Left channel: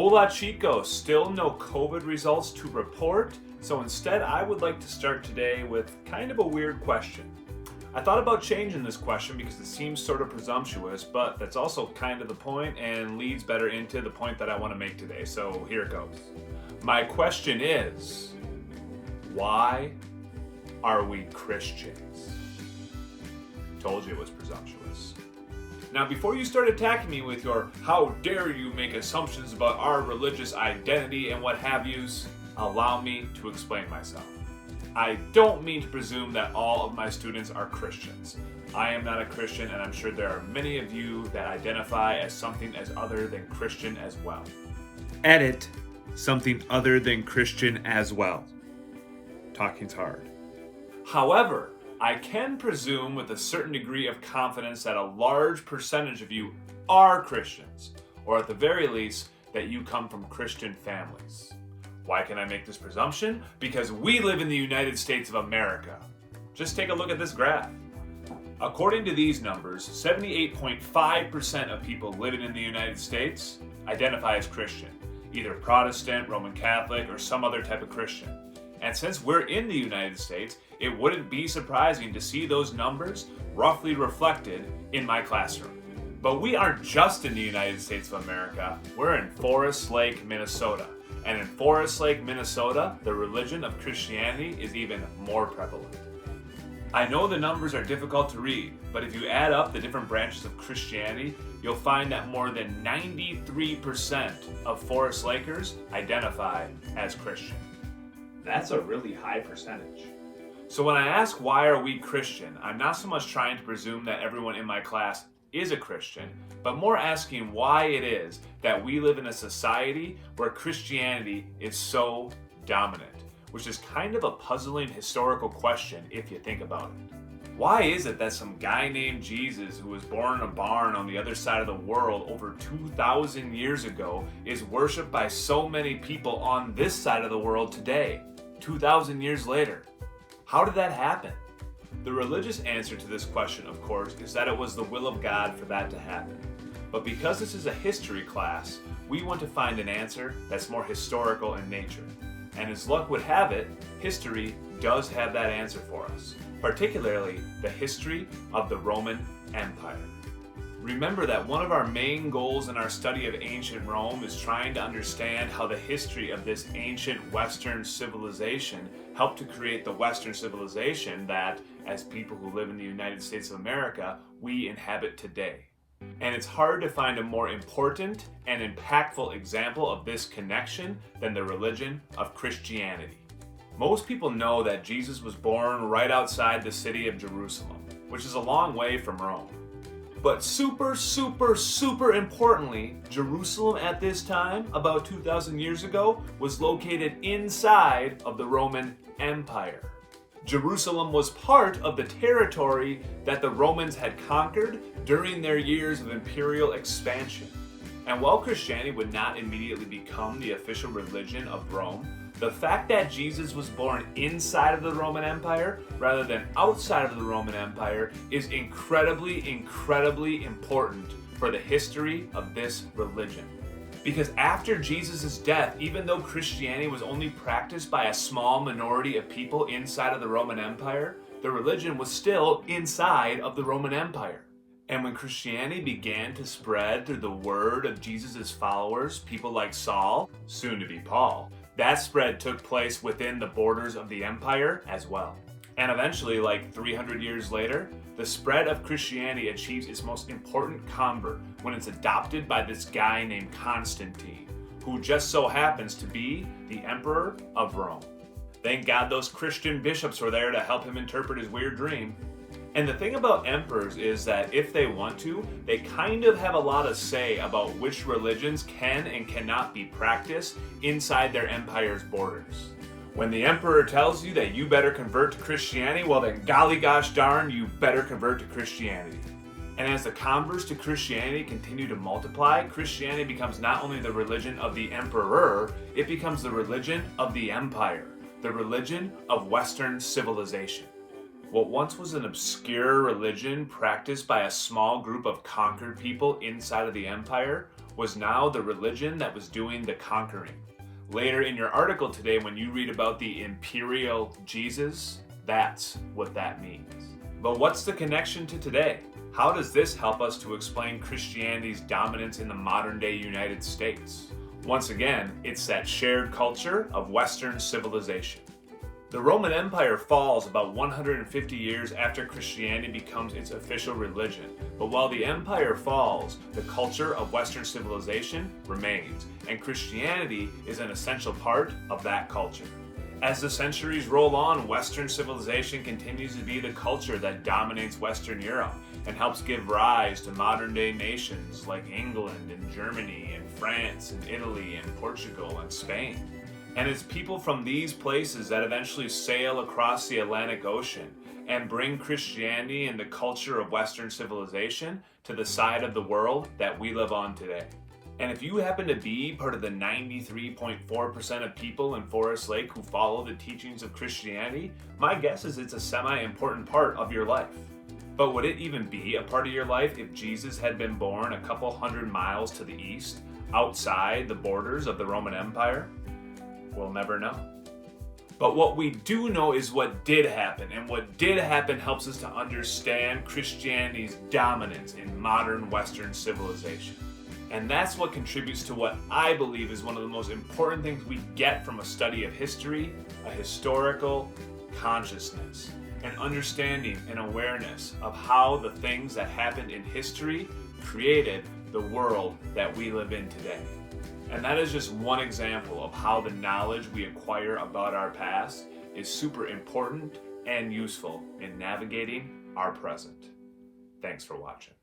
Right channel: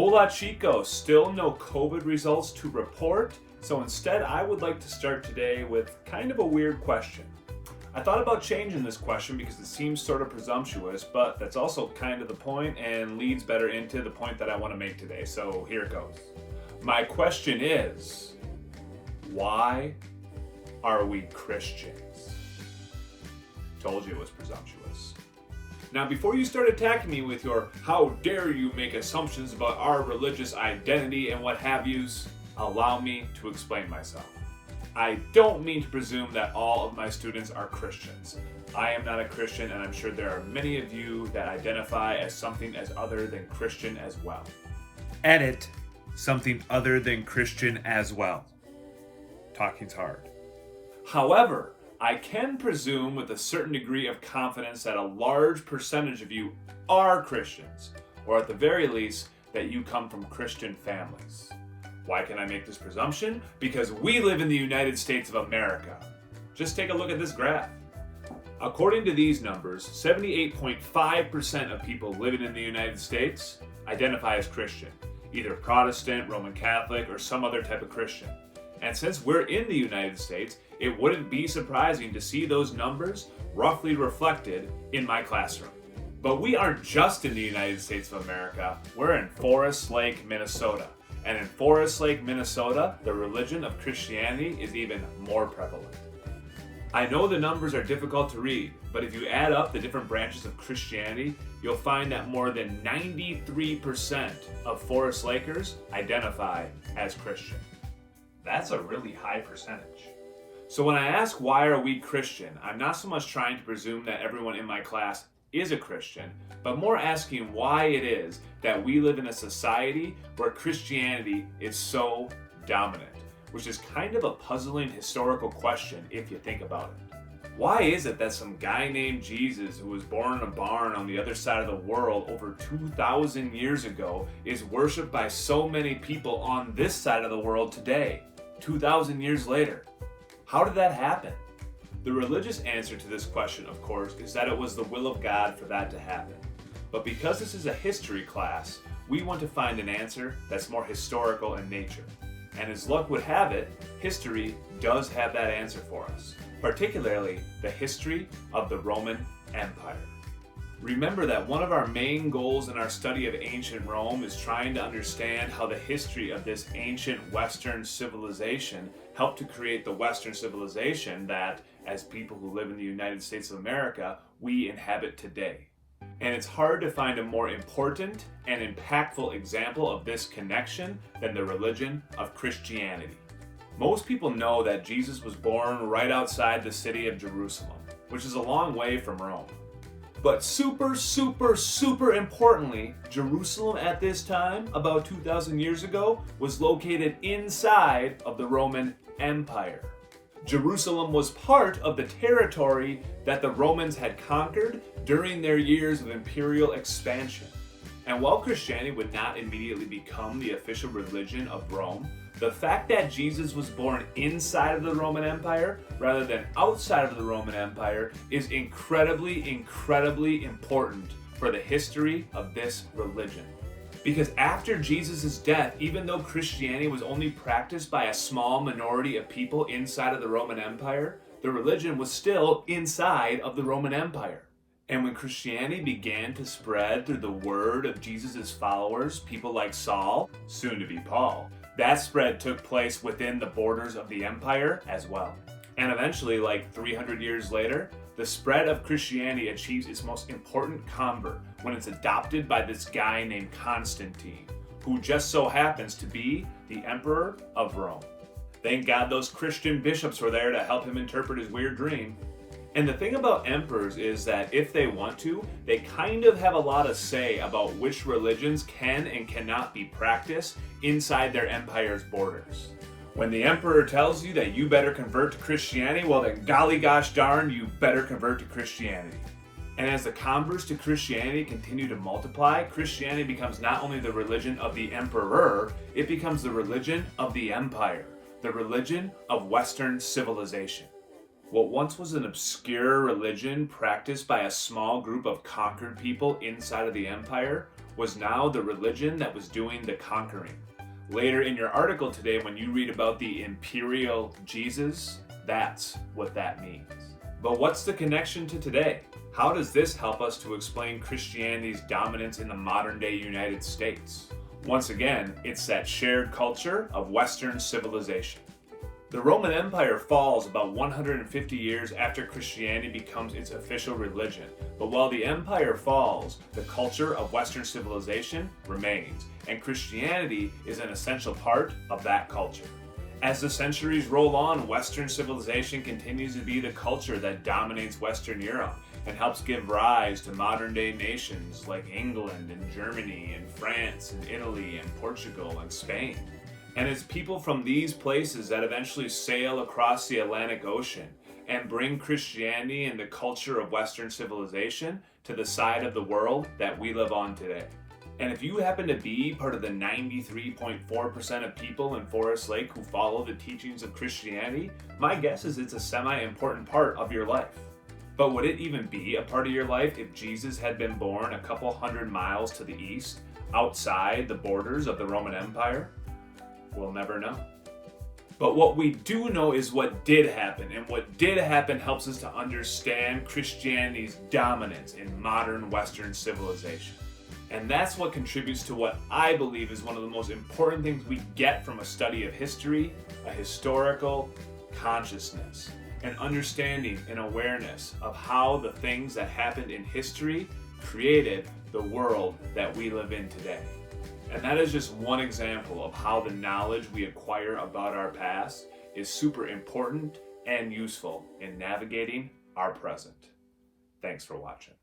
Hola chicos, still no COVID results to report, so instead I would like to start today with kind of a weird question. I thought about changing this question because it seems sort of presumptuous, but that's also kind of the point and leads better into the point that I want to make today, so here it goes. My question is, why are we Christians? Told you it was presumptuous. Now, before you start attacking me with your how dare you make assumptions about our religious identity and what have yous, allow me to explain myself. I don't mean to presume that all of my students are Christians. I am not a Christian, and I'm sure there are many of you that identify as something as other than Christian as well. Edit, something other than Christian as well. Talking's hard. However, I can presume with a certain degree of confidence that a large percentage of you are Christians, or at the very least, that you come from Christian families. Why can I make this presumption? Because we live in the United States of America. Just take a look at this graph. According to these numbers, 78.5% of people living in the United States identify as Christian, either Protestant, Roman Catholic, or some other type of Christian. And since we're in the United States, it wouldn't be surprising to see those numbers roughly reflected in my classroom. But we aren't just in the United States of America, we're in Forest Lake, Minnesota. And in Forest Lake, Minnesota, the religion of Christianity is even more prevalent. I know the numbers are difficult to read, but if you add up the different branches of Christianity, you'll find that more than 93% of Forest Lakers identify as Christian. That's a really high percentage. So when I ask why are we Christian, I'm not so much trying to presume that everyone in my class is a Christian, but more asking why it is that we live in a society where Christianity is so dominant, which is kind of a puzzling historical question if you think about it. Why is it that some guy named Jesus, who was born in a barn on the other side of the world over 2,000 years ago, is worshipped by so many people on this side of the world today, 2,000 years later? How did that happen? The religious answer to this question, of course, is that it was the will of God for that to happen. But because this is a history class, we want to find an answer that's more historical in nature. And as luck would have it, history does have that answer for us, particularly the history of the Roman Empire. Remember that one of our main goals in our study of ancient Rome is trying to understand how the history of this ancient Western civilization helped to create the Western civilization that, as people who live in the United States of America, we inhabit today. And it's hard to find a more important and impactful example of this connection than the religion of Christianity. Most people know that Jesus was born right outside the city of Jerusalem, which is a long way from Rome. But super importantly, Jerusalem at this time, about 2,000 years ago, was located inside of the Roman Empire. Jerusalem was part of the territory that the Romans had conquered during their years of imperial expansion. And while Christianity would not immediately become the official religion of Rome, the fact that Jesus was born inside of the Roman Empire rather than outside of the Roman Empire is incredibly important for the history of this religion. Because after Jesus' death, even though Christianity was only practiced by a small minority of people inside of the Roman Empire, the religion was still inside of the Roman Empire. And when Christianity began to spread through the word of Jesus' followers, people like Saul, soon to be Paul, that spread took place within the borders of the empire as well. And eventually, like 300 years later, the spread of Christianity achieves its most important convert when it's adopted by this guy named Constantine, who just so happens to be the Emperor of Rome. Thank God those Christian bishops were there to help him interpret his weird dream. And the thing about emperors is that if they want to, they kind of have a lot of say about which religions can and cannot be practiced inside their empire's borders. When the emperor tells you that you better convert to Christianity, well then golly gosh darn, you better convert to Christianity. And as the converts to Christianity continue to multiply, Christianity becomes not only the religion of the emperor, it becomes the religion of the empire, the religion of Western civilization. What once was an obscure religion practiced by a small group of conquered people inside of the empire was now the religion that was doing the conquering. Later in your article today, when you read about the imperial Jesus, that's what that means. But what's the connection to today? How does this help us to explain Christianity's dominance in the modern day United States? Once again, it's that shared culture of Western civilization. The Roman Empire falls about 150 years after Christianity becomes its official religion. But while the empire falls, the culture of Western civilization remains, and Christianity is an essential part of that culture. As the centuries roll on, Western civilization continues to be the culture that dominates Western Europe and helps give rise to modern-day nations like England and Germany and France and Italy and Portugal and Spain. And it's people from these places that eventually sail across the Atlantic Ocean and bring Christianity and the culture of Western civilization to the side of the world that we live on today. And if you happen to be part of the 93.4% of people in Forest Lake who follow the teachings of Christianity, my guess is it's a semi-important part of your life. But would it even be a part of your life if Jesus had been born a couple hundred miles to the east, outside the borders of the Roman Empire? We'll never know. But what we do know is what did happen, and what did happen helps us to understand Christianity's dominance in modern Western civilization. And that's what contributes to what I believe is one of the most important things we get from a study of history, a historical consciousness, an understanding and awareness of how the things that happened in history created the world that we live in today. And that is just one example of how the knowledge we acquire about our past is super important and useful in navigating our present. Thanks for watching.